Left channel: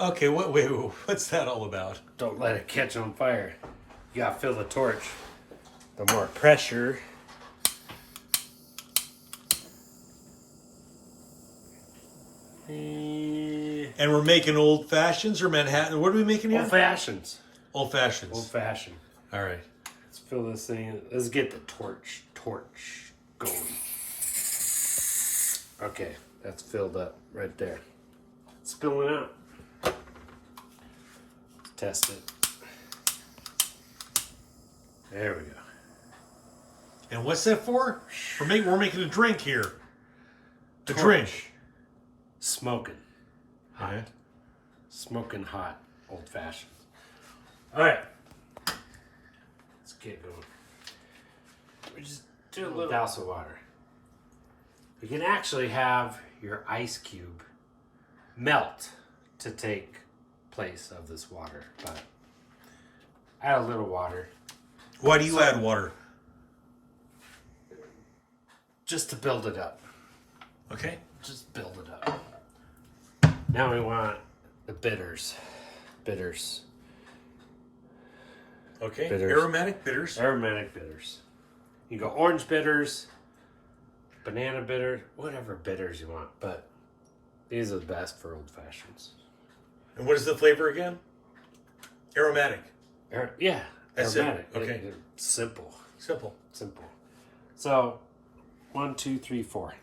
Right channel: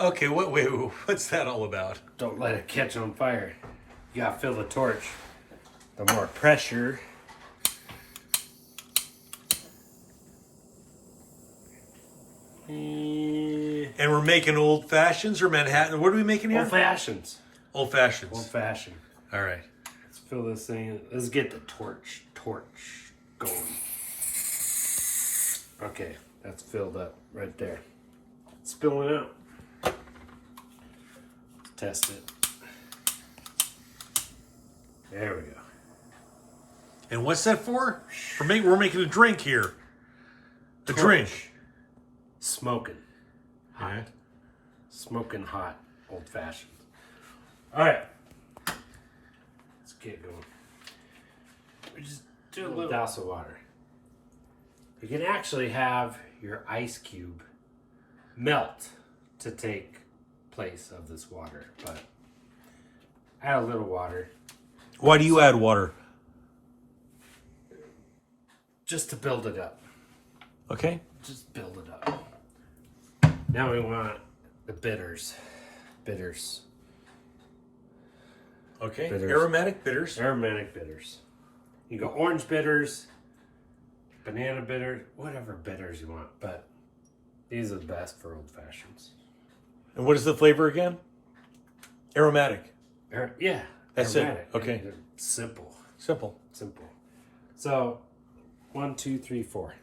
Okay, wait, what's that all about? Don't let it catch on fire. You gotta fill the torch. The more pressure. And we're making old fashions or Manhattan. What are we making here? Old fashions. Old fashions. Old fashioned. All right. Let's fill this thing. Let's get the torch going. Okay, that's filled up right there. It's spilling out. Let's test it. There we go. And what's that for? We're making a drink here. A drink. Smoking. All right. Smoking hot. Old fashioned. All right. Let's get going. We just do a little douse of water. You can actually have your ice cube melt to take place of this water, but add a little water. Why do you add water? Just to build it up. Okay. Just build it up. Now we want the bitters. Bitters. Okay. Bitters. Aromatic bitters. Aromatic bitters. You go orange bitters, banana bitters, whatever bitters you want, but these are the best for old fashions. And what is the flavor again? Aromatic. Yeah. That's aromatic. it. Okay. Simple. Simple. Simple. So 1, 2, 3, 4.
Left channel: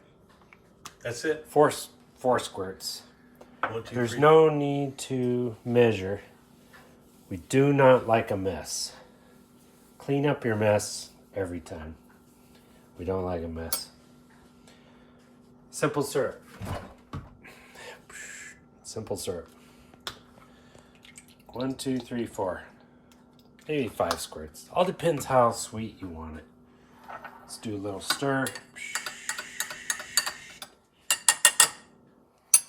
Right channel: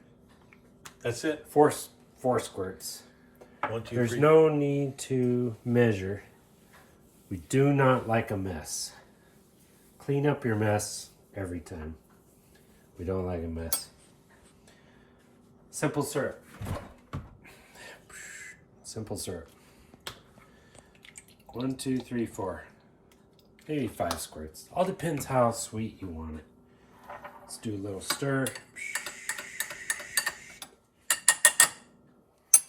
That's it. Four squirts. 1, 2, There's 3. no need to measure. We do not like a mess. Clean up your mess every time. We don't like a mess. Simple syrup. Simple syrup. 1, 2, 3, 4. Maybe 5 squirts. All depends how sweet you want it. Let's do a little stir.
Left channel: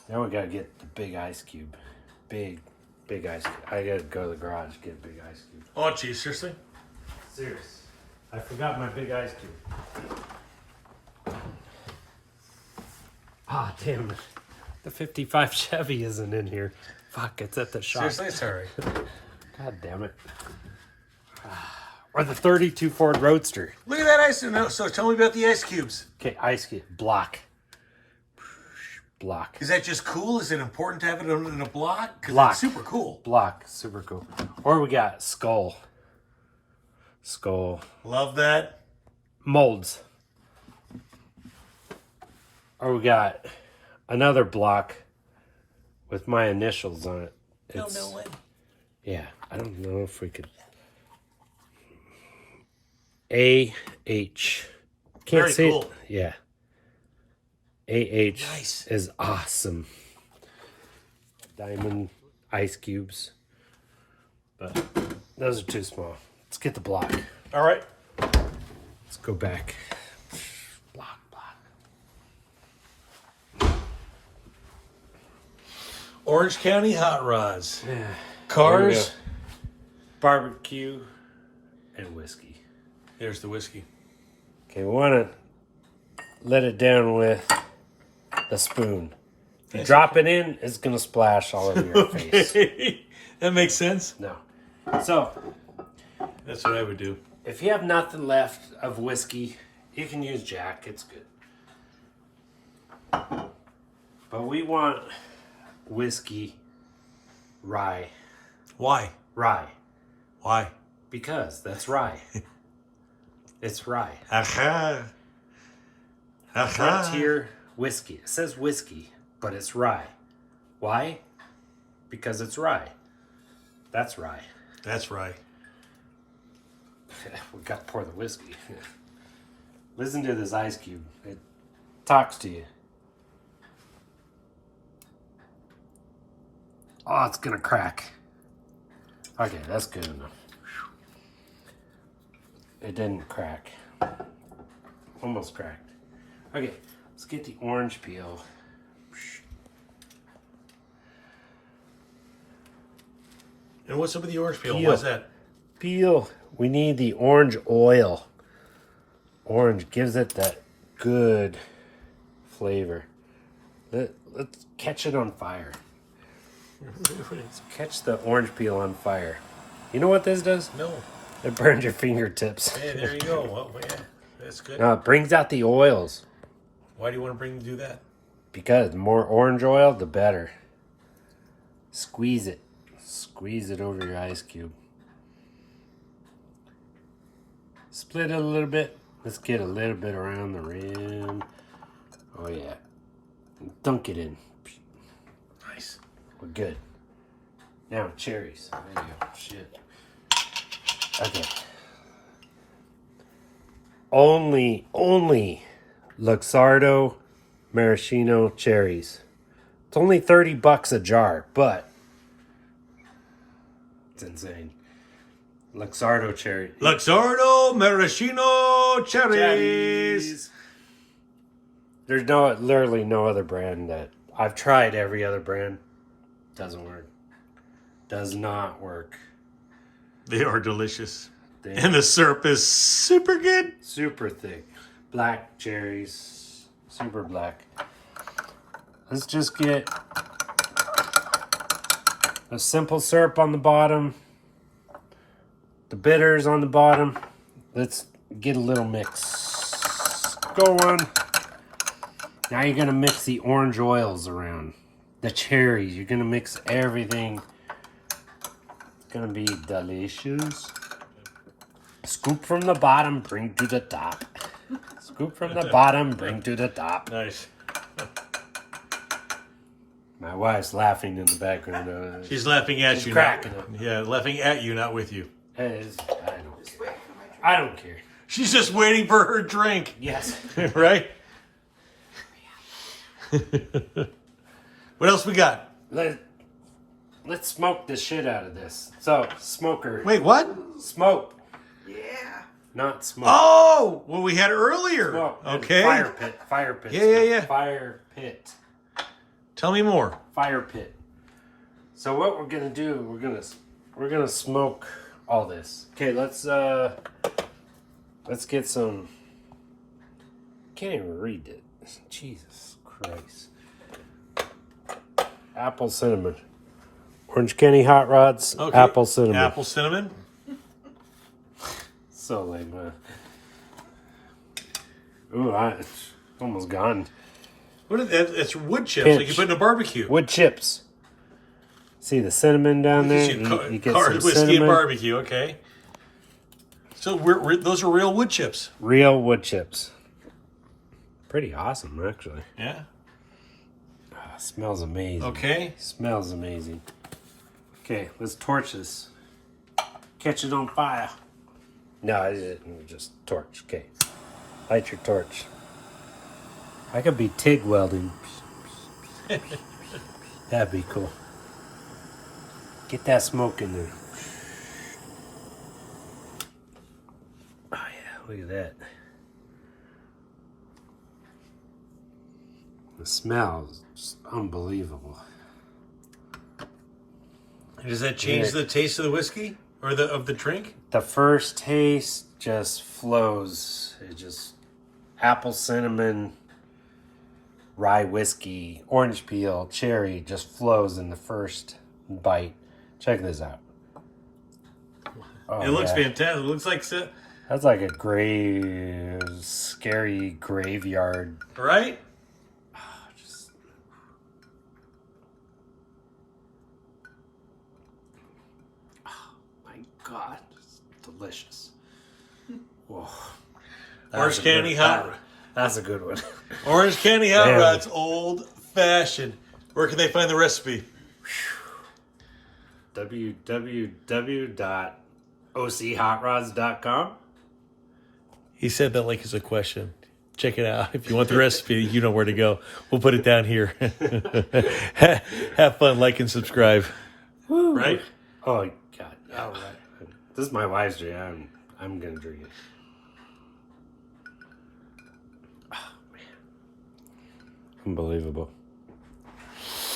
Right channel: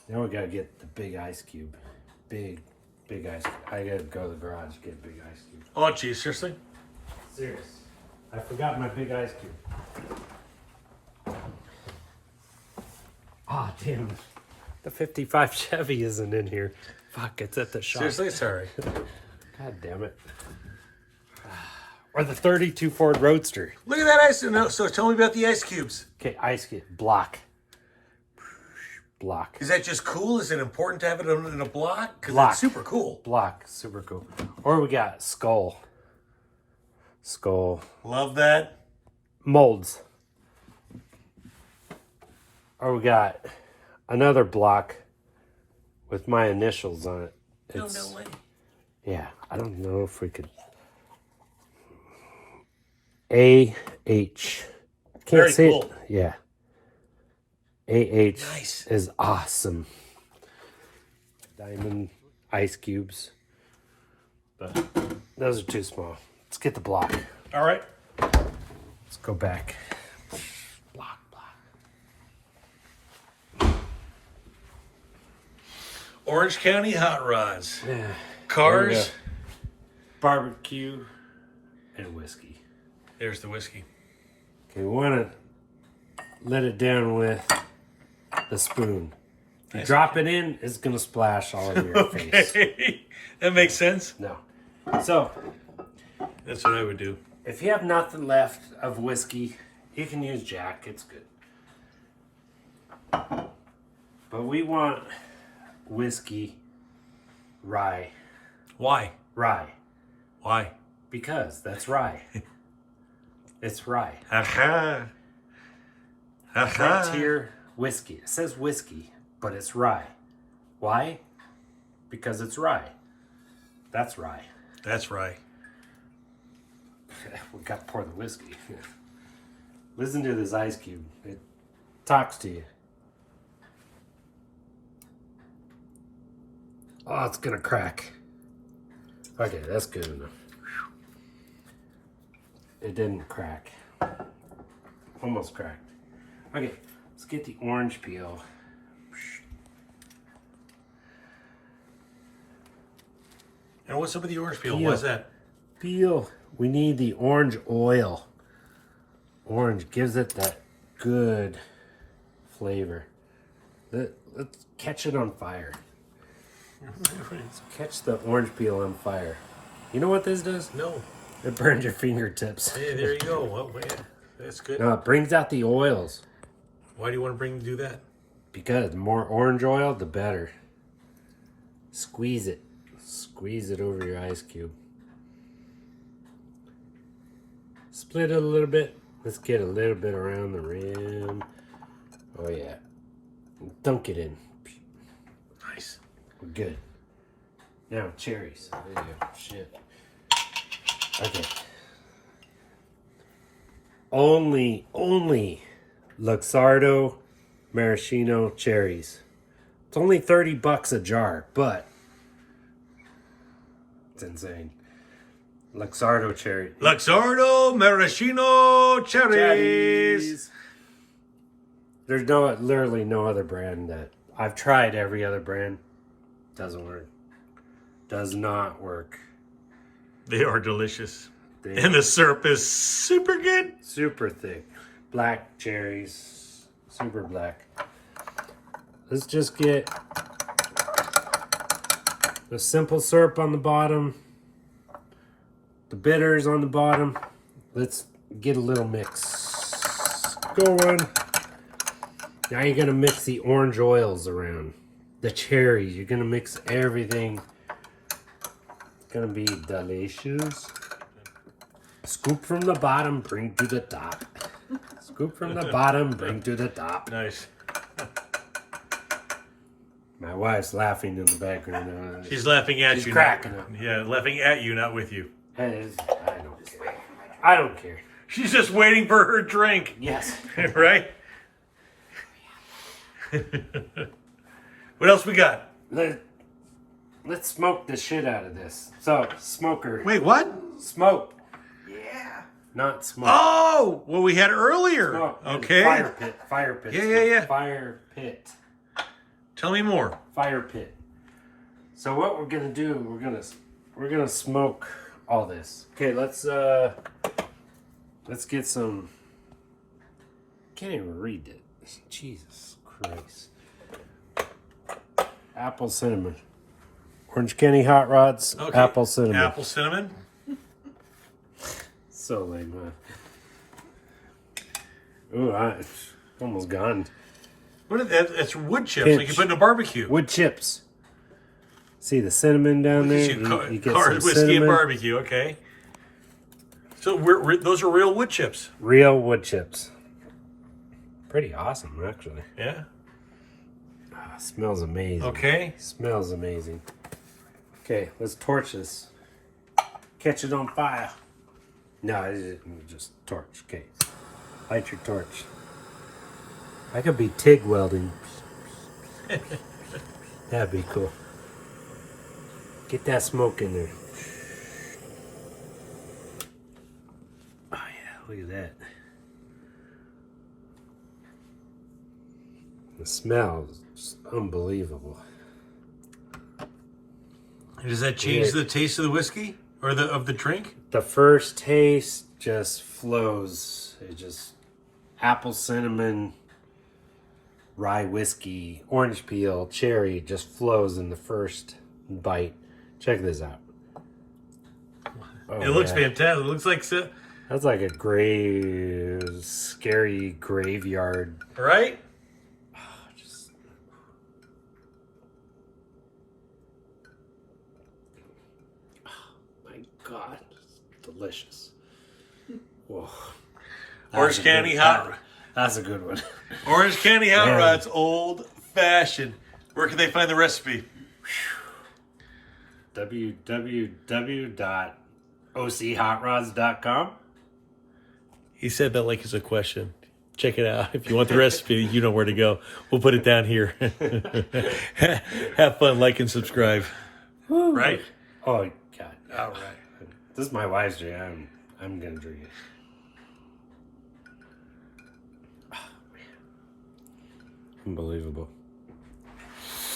Now we gotta get the big ice cube. Big ice cube. I gotta go to the garage to get a big ice cube. Oh, geez, seriously? Serious. I forgot my big ice cube. Ah, damn it. The 55 Chevy isn't in here. Fuck, it's at the shop. Seriously, it's all right. God damn it. Or the 32 Ford Roadster. Look at that ice. No, so tell me about the ice cubes. Okay, ice cube. Block. Block. Is that just cool? Is it important to have it in a block? 'Cause Block. it's super cool. Block. Super cool. Or we got skull. Skull. Love that. Molds. Or we got another block with my initials on it. No way. Yeah, I don't know if we could. AH. Can't Very see cool. it. Yeah. AH Nice. is awesome. Diamond ice cubes. But those are too small. Let's get the block. All right. Let's go back. Block. Orange County Hot Rods. Yeah. Cars. Barbecue and whiskey. There's the whiskey. Okay, we want to let it down with the spoon. If you drop it in, it's going to splash all over your face. That makes sense. No. So, That's what I would do. if you have nothing left of whiskey, you can use Jack. It's good. But we want whiskey rye. Why? Rye. Why? Because that's rye. It's rye. Aha. Frontier whiskey. It says whiskey, but it's rye. Why? Because it's rye. That's rye. That's right. We got to pour the whiskey. Listen to this ice cube. It talks to you. Oh, it's going to crack. Okay, that's good enough. It didn't crack. Almost cracked. Okay, let's get the orange peel. And what's up with the orange peel? Peel. Why's that? Peel. We need the orange oil. Orange gives it that good flavor. Let's catch it on fire. Catch the orange peel on fire. You know what this does? No. It burns your fingertips. Hey, there you go. Well, yeah, that's good. No, it brings out the oils. Why do you want to do that? Because the more orange oil, the better. Squeeze it. Squeeze it over your ice cube. Split it a little bit. Let's get a little bit around the rim. Oh yeah. Dunk it in. Nice. We're good. Now cherries. There you go. Shit. Okay. Only Luxardo maraschino cherries. It's only $30 a jar, but it's insane. Luxardo cherry. Luxardo maraschino cherries. There's literally no other brand that I've tried. Every other brand doesn't work. Does not work. They are delicious. And the syrup is super good. Super thick. Black cherries. Super black. Let's just get a simple syrup on the bottom. The bitters on the bottom. Let's get a little mix going. Now you're going to mix the orange oils around. The cherries. You're going to mix everything. It's going to be delicious. Scoop from the bottom, bring to the top. Scoop from the bottom, bring to the top. Nice. My wife's laughing in the background. She's laughing at you. She's cracking up. Yeah, laughing at you, not with you. I don't care. She's just waiting for her drink. Yes. Right? What else we got? Let's smoke the shit out of this. So, smoker. Wait, what? Smoke. Yeah. Not smoke. Oh, what we had earlier. Smoke. Okay. Fire pit. Fire pit. Yeah. Fire pit. Tell me more. Fire pit. So what we're gonna do? We're gonna smoke all this. Okay, let's get some. Can't even read it. Jesus Christ. Apple cinnamon. Orange County Hot Rods. Okay. Apple cinnamon. Apple cinnamon. So lame. Ooh, it's almost gone. What is that? It's wood chips, Pinch. like you put in a barbecue. Wood chips. See the cinnamon down there? You get Card some whiskey and cinnamon. barbecue, okay. So those are real wood chips. Real wood chips. Pretty awesome, actually. Yeah. Smells amazing. Okay. Smells amazing. Okay, let's torch this. Catch it on fire. No, I didn't. Just torch. Okay. Light your torch. I could be TIG welding. That'd be cool. Get that smoke in there. Oh yeah, look at that. The smell is just unbelievable. Does that change the taste of the whiskey or of the drink? The first taste just flows. It just apple cinnamon, rye whiskey, orange peel, cherry just flows in the first bite. Check this out. Oh, it looks fantastic. It looks like that's like a scary graveyard. Right? God, it's delicious. Whoa. Orange County Hot. That's a good one. Orange County Hot Rods, old fashioned. Where can they find the recipe? www.ochrods.com. He said that like it's a question. Check it out. If you want the recipe, you know where to go. We'll put it down here. Have fun, like, and subscribe. Woo. Right? Oh, God. All right. This is my wife's drink. I'm going to drink it. Oh, man. Unbelievable.